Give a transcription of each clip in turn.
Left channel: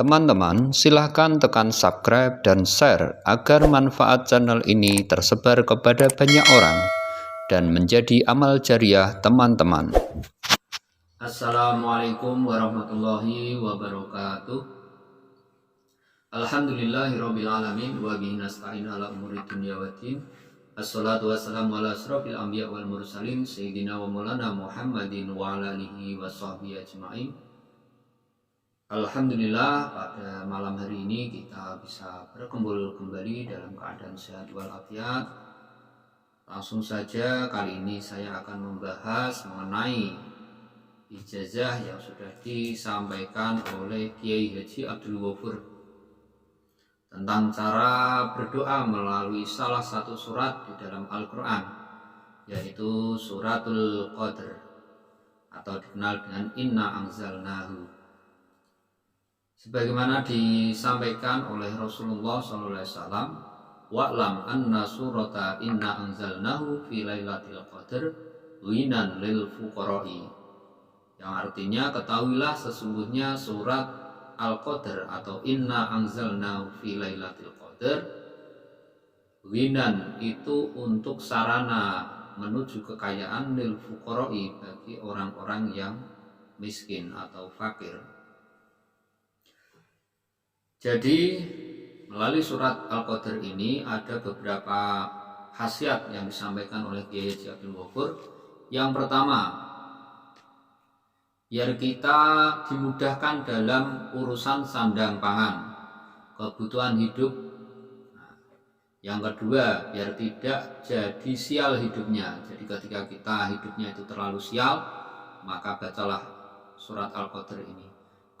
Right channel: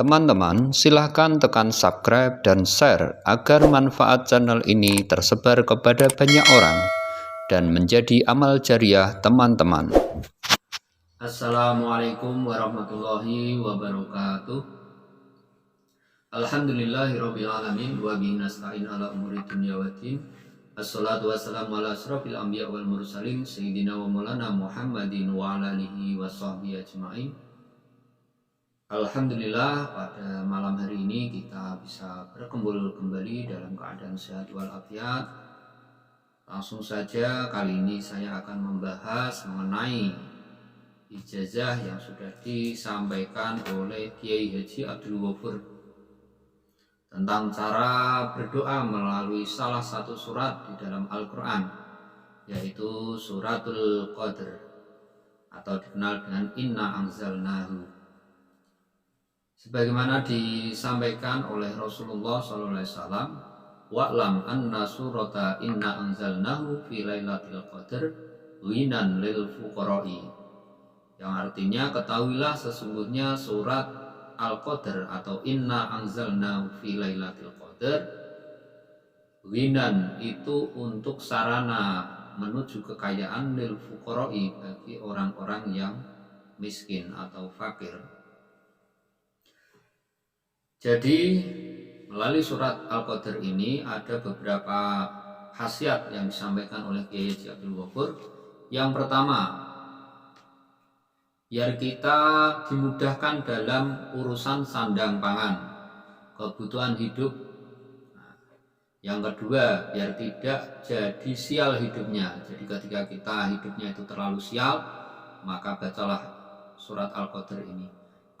Teman-teman, silahkan tekan subscribe dan share agar manfaat channel ini tersebar kepada banyak orang dan menjadi amal jariah teman-teman. Assalamualaikum warahmatullahi wabarakatuh. Alhamdulillahirrabbilalamin wa bihi nasta'in ala umuri dunya waddin. Assalatu wassalamu ala asrofil anbiya wal mursalin sayyidina wa maulana Muhammadin wa ala alihi wa sahbihi ajma'in. Alhamdulillah, pada malam hari ini kita bisa berkumpul kembali dalam keadaan sehat walafiat. Langsung saja kali ini saya akan membahas mengenai ijazah yang sudah disampaikan oleh Kiai Haji Abdul Ghafur tentang cara berdoa melalui salah satu surat di dalam Al-Quran, yaitu suratul Qadr atau dikenal dengan Inna Anzalnahu. Sebagaimana disampaikan oleh Rasulullah SAW, wa'lam anna surata Inna Anzalnahu fi lailatul qadr winan lil fuqara'i, yang artinya ketahuilah sesungguhnya surat Al-Qadr atau Inna Anzalnahu fi lailatul qadr, winan itu untuk sarana menuju kekayaan, lil fuqara'i bagi orang-orang yang miskin atau fakir. Jadi melalui surat Al-Qadr ini ada beberapa khasiat yang disampaikan oleh Kiai Haji Abdul Ghafur. Yang pertama, biar kita dimudahkan dalam urusan sandang pangan, kebutuhan hidup. Yang kedua, biar tidak jadi sial hidupnya. Jadi ketika kita hidupnya itu terlalu sial, maka bacalah surat Al-Qadr ini.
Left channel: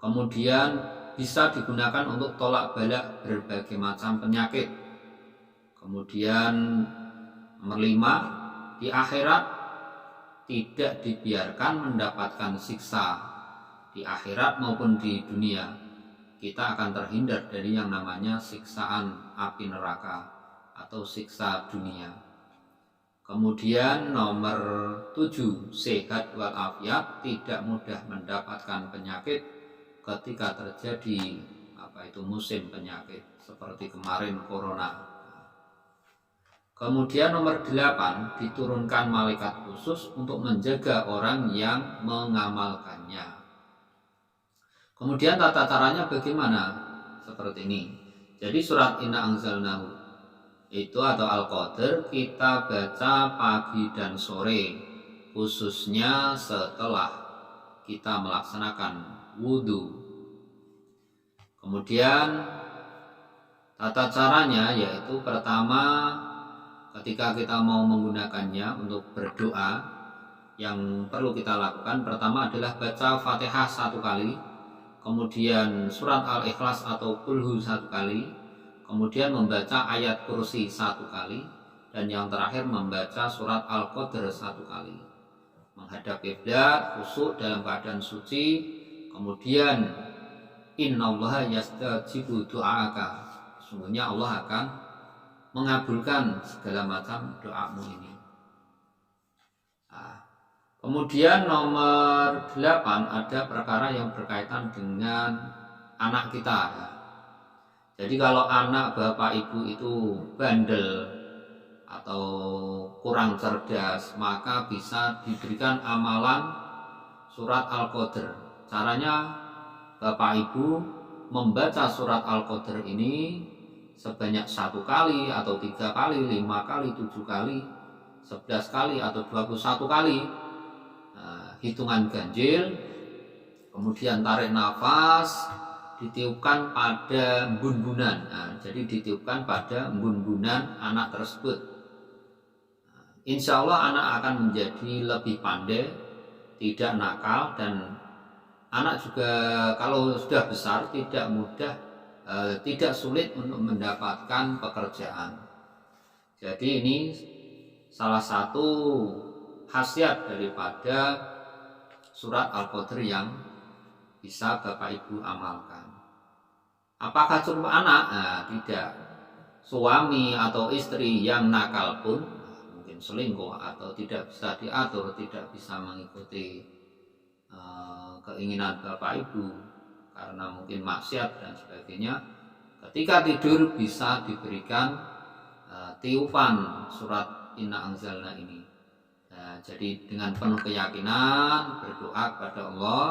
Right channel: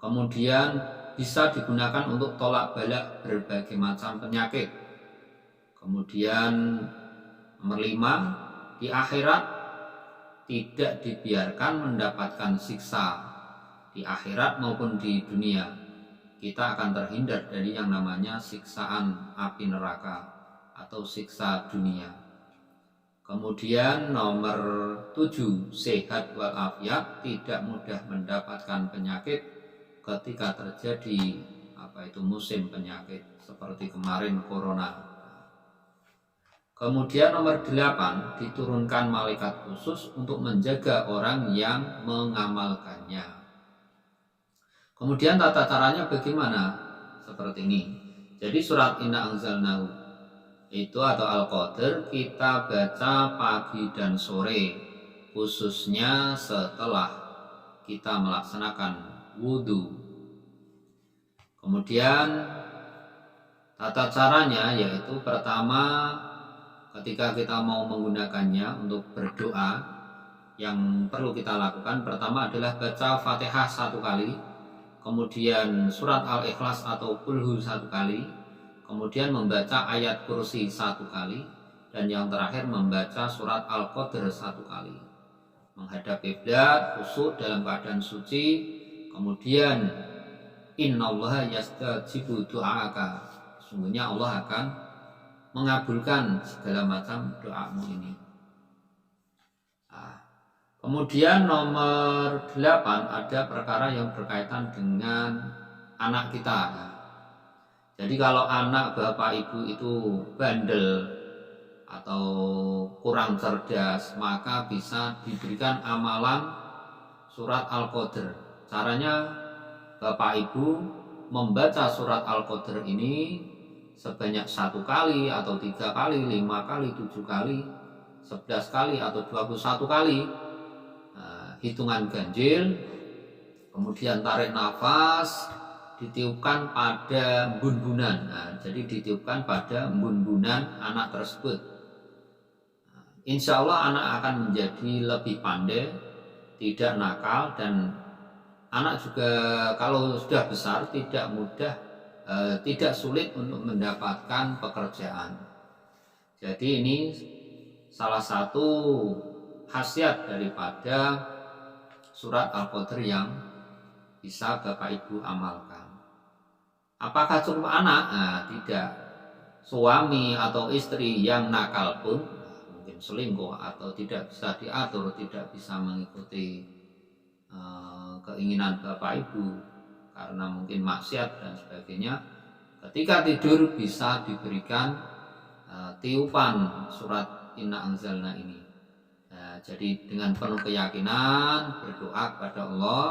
Kemudian bisa digunakan untuk tolak bala berbagai macam penyakit. Kemudian nomor 5, di akhirat tidak dibiarkan mendapatkan siksa di akhirat maupun di dunia. Kita akan terhindar dari yang namanya siksaan api neraka atau siksa dunia. Kemudian nomor 7, sehat walafiat, tidak mudah mendapatkan penyakit ketika terjadi musim penyakit seperti kemarin corona. Kemudian nomor 8, diturunkan malaikat khusus untuk menjaga orang yang mengamalkannya. Kemudian tata caranya bagaimana? Seperti ini. Jadi surat Inna Anzalnahu itu atau Al-Qadr kita baca pagi dan sore, khususnya setelah kita melaksanakan wudhu. Kemudian tata caranya yaitu pertama, ketika kita mau menggunakannya untuk berdoa, yang perlu kita lakukan pertama adalah baca Fatihah 1 kali, kemudian surat Al-Ikhlas atau Qulhu 1 kali, kemudian membaca ayat kursi 1 kali, dan yang terakhir membaca surat Al-Qadr 1 kali. Menghadap kiblat, khusyuk dalam keadaan suci. Kemudian innallaha yastajibu du'aaka, sesungguhnya Allah akan mengabulkan segala macam doamu ini. Kemudian nomor 8, ada perkara yang berkaitan dengan anak kita. Jadi kalau anak bapak ibu itu bandel atau kurang cerdas, maka bisa diberikan amalan surat Al-Qadr. Caranya, bapak ibu membaca surat Al-Qadr ini sebanyak 1 kali atau 3 kali, 5 kali, 7 kali, 11 kali atau 21 kali. Hitungan ganjil, kemudian tarik nafas, ditiupkan pada embun-embunan. Jadi ditiupkan pada embun-embunan anak tersebut. Insya Allah anak akan menjadi lebih pandai, tidak nakal, dan anak juga kalau sudah besar tidak sulit untuk mendapatkan pekerjaan. Jadi ini salah satu khasiat daripada surat Al-Qadr yang bisa Bapak Ibu amalkan. Apakah cukup anak? Tidak. Suami atau istri yang nakal pun, mungkin selingkuh atau tidak bisa diatur, tidak bisa mengikuti keinginan Bapak Ibu karena karena mungkin maksiat dan sebagainya, ketika tidur bisa diberikan tiupan surat Inna Anzalna ini. Jadi dengan penuh keyakinan berdoa kepada Allah,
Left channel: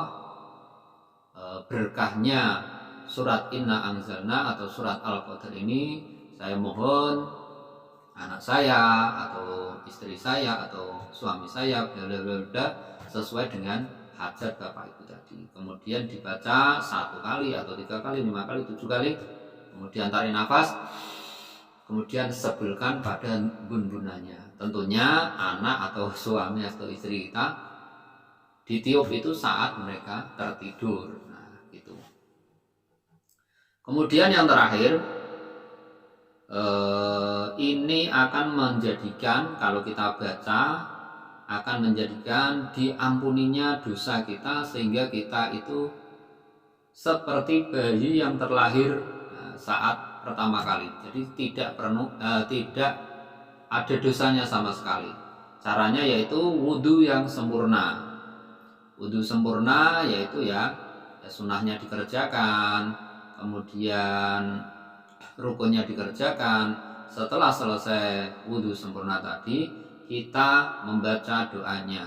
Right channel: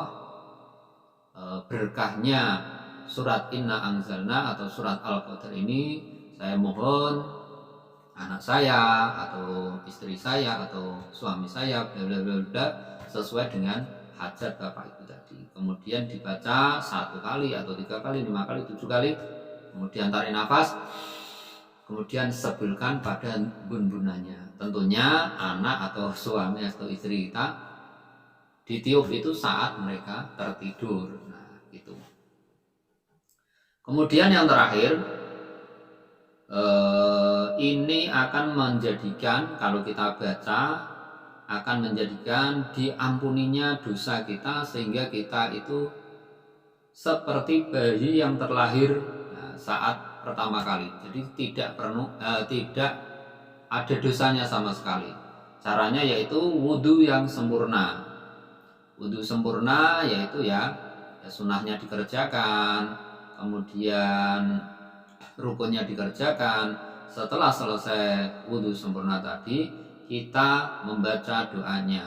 berkahnya surat Inna Anzalna atau surat Al-Qadr ini saya mohon anak saya atau istri saya atau suami saya sesuai dengan hajat Bapak Ibu tadi. Kemudian dibaca 1 kali atau 3 kali, 5 kali, 7 kali. Kemudian tarik nafas, kemudian sebelkan pada bun-bunannya. Tentunya anak atau suami atau istri kita ditiup itu saat mereka tertidur. Nah, itu. Kemudian yang terakhir, ini akan menjadikan, kalau kita baca, akan menjadikan diampuninya dosa kita, sehingga kita itu seperti bayi yang terlahir saat pertama kali. Jadi tidak ada dosanya sama sekali. Caranya yaitu wudhu yang sempurna. Wudhu sempurna yaitu ya sunnahnya dikerjakan, kemudian rukunnya dikerjakan. Setelah selesai wudhu sempurna tadi, kita membaca doanya,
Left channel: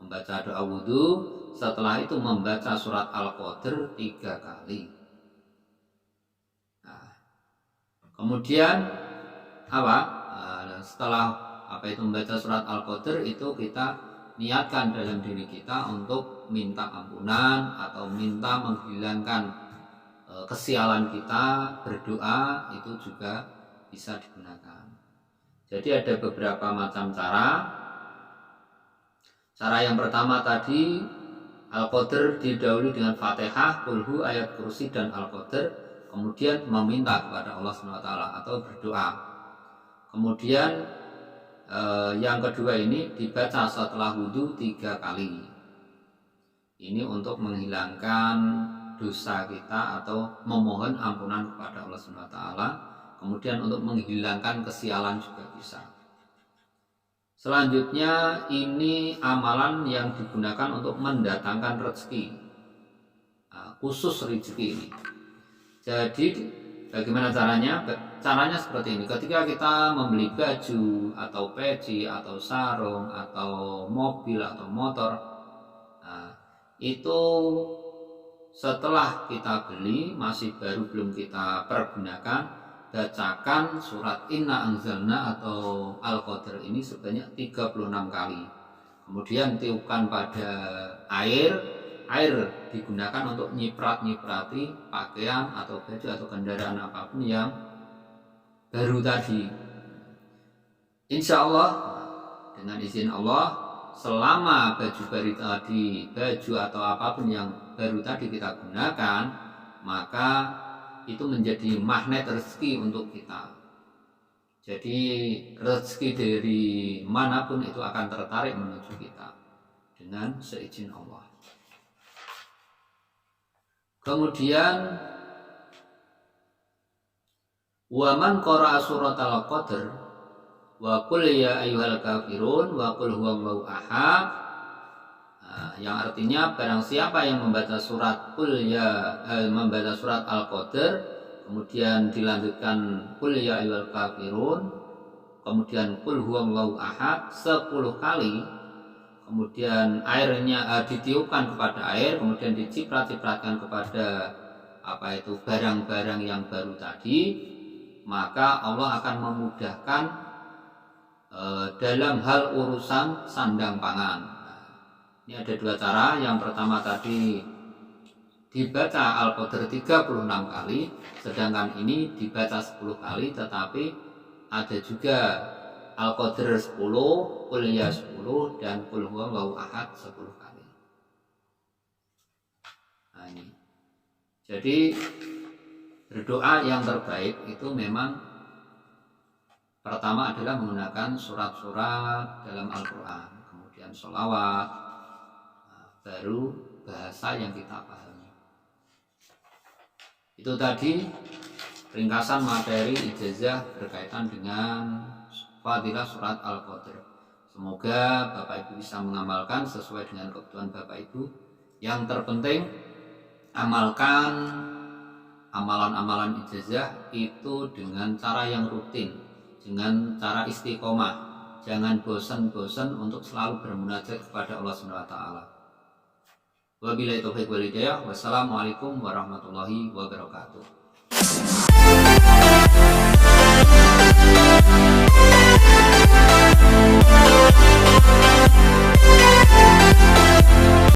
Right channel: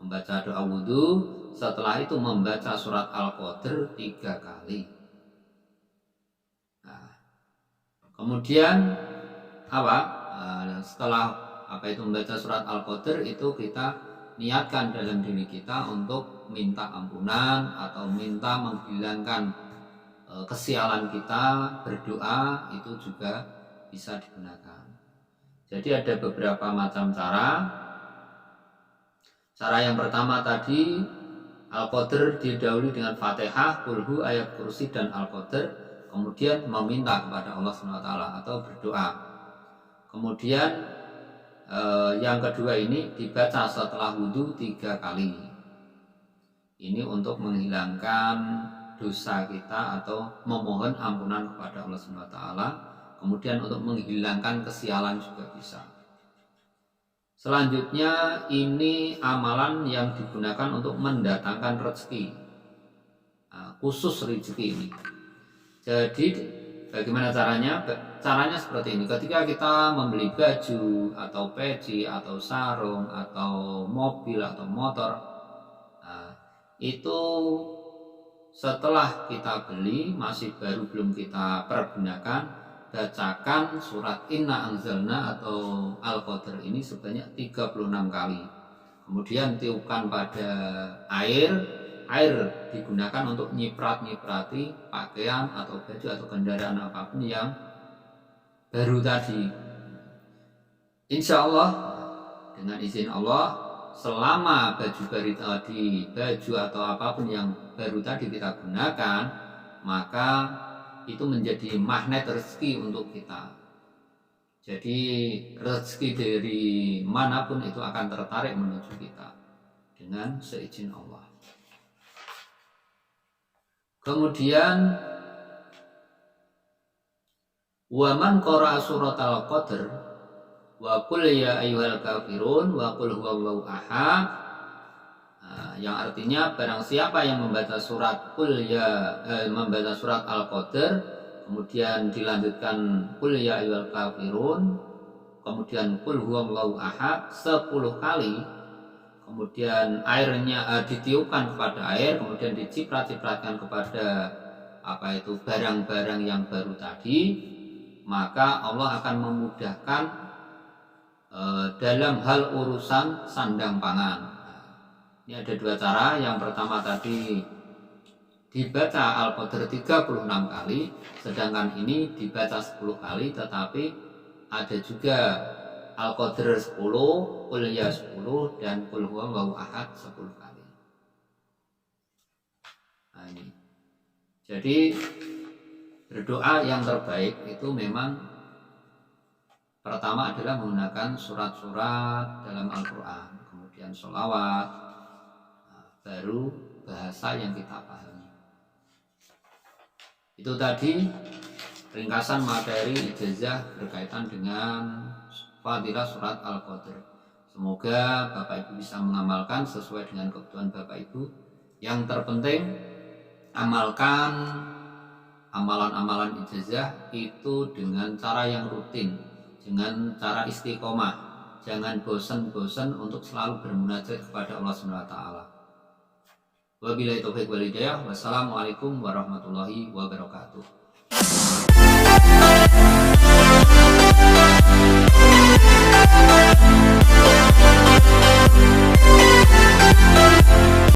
membaca doa wudhu. Setelah itu membaca surat Al-Qadr 3 kali. Nah, kemudian setelah itu membaca surat Al-Qadr, itu kita niatkan dalam diri kita untuk minta ampunan atau minta menghilangkan kesialan kita. Berdoa itu juga bisa digunakan. Jadi ada beberapa macam cara. Cara yang pertama tadi, Al-Qadr didahului dengan Fatihah, Qulhu, ayat kursi, dan Al-Qadr. Kemudian meminta kepada Allah SWT atau berdoa. Kemudian yang kedua ini dibaca setelah wudhu 3 kali. Ini untuk menghilangkan dosa kita atau memohon ampunan kepada Allah SWT. Kemudian untuk menghilangkan kesialan juga bisa. Selanjutnya ini amalan yang digunakan untuk mendatangkan rezeki, khusus rezeki ini. Jadi bagaimana caranya? Caranya seperti ini. Ketika kita membeli baju atau peci atau sarung atau mobil atau motor, itu setelah kita beli masih baru belum kita pergunakan, bacakan surat Inna Anzalna atau Al-Qadr ini sebanyak 36 kali. Kemudian tiupkan pada air digunakan untuk nyiprat-nyiprati pakaian atau baju atau kendaraan apapun yang baru tadi. Insya Allah, dengan izin Allah, selama baju baru tadi, baju atau apapun yang baru tadi kita gunakan, maka itu menjadi magnet rezeki untuk kita. Jadi rezeki dari manapun itu akan tertarik menuju kita dengan seizin Allah. Kemudian wa man qara'a suratal qadr wa qul ya ayyuhal kafirun wa qul huwallahu ahad, yang artinya barang siapa yang membaca surat membaca surat Al-Qadr, kemudian dilanjutkan qul ya ayyuhal kafirun, kemudian qul huwallahu ahad 10 kali, kemudian airnya ditiupkan kepada air, kemudian diciprat-cipratkan kepada barang-barang yang baru tadi, maka Allah akan memudahkan dalam hal urusan sandang pangan. Ini ada 2 cara. Yang pertama tadi dibaca Al-Qadr 36 kali, sedangkan ini dibaca 10 kali, tetapi ada juga Al-Qadr 10, Qul ya 10, dan Qul huwallahu ahad 10 kali. Nah, ini. Jadi berdoa yang terbaik itu memang pertama adalah menggunakan surat-surat dalam Al-Quran, kemudian sholawat, baru bahasa yang kita pahami. Itu tadi ringkasan materi ijazah berkaitan dengan fadilah surat Al-Qadr. Semoga Bapak Ibu bisa mengamalkan sesuai dengan kebutuhan Bapak Ibu. Yang terpenting amalkan amalan-amalan ijazah itu dengan cara yang rutin, dengan cara istiqomah. Jangan bosan-bosan untuk selalu bermunajat kepada Allah Subhanahu wa taala. Wabillahi taufiq wal hidayah. Wassalamualaikum warahmatullahi wabarakatuh.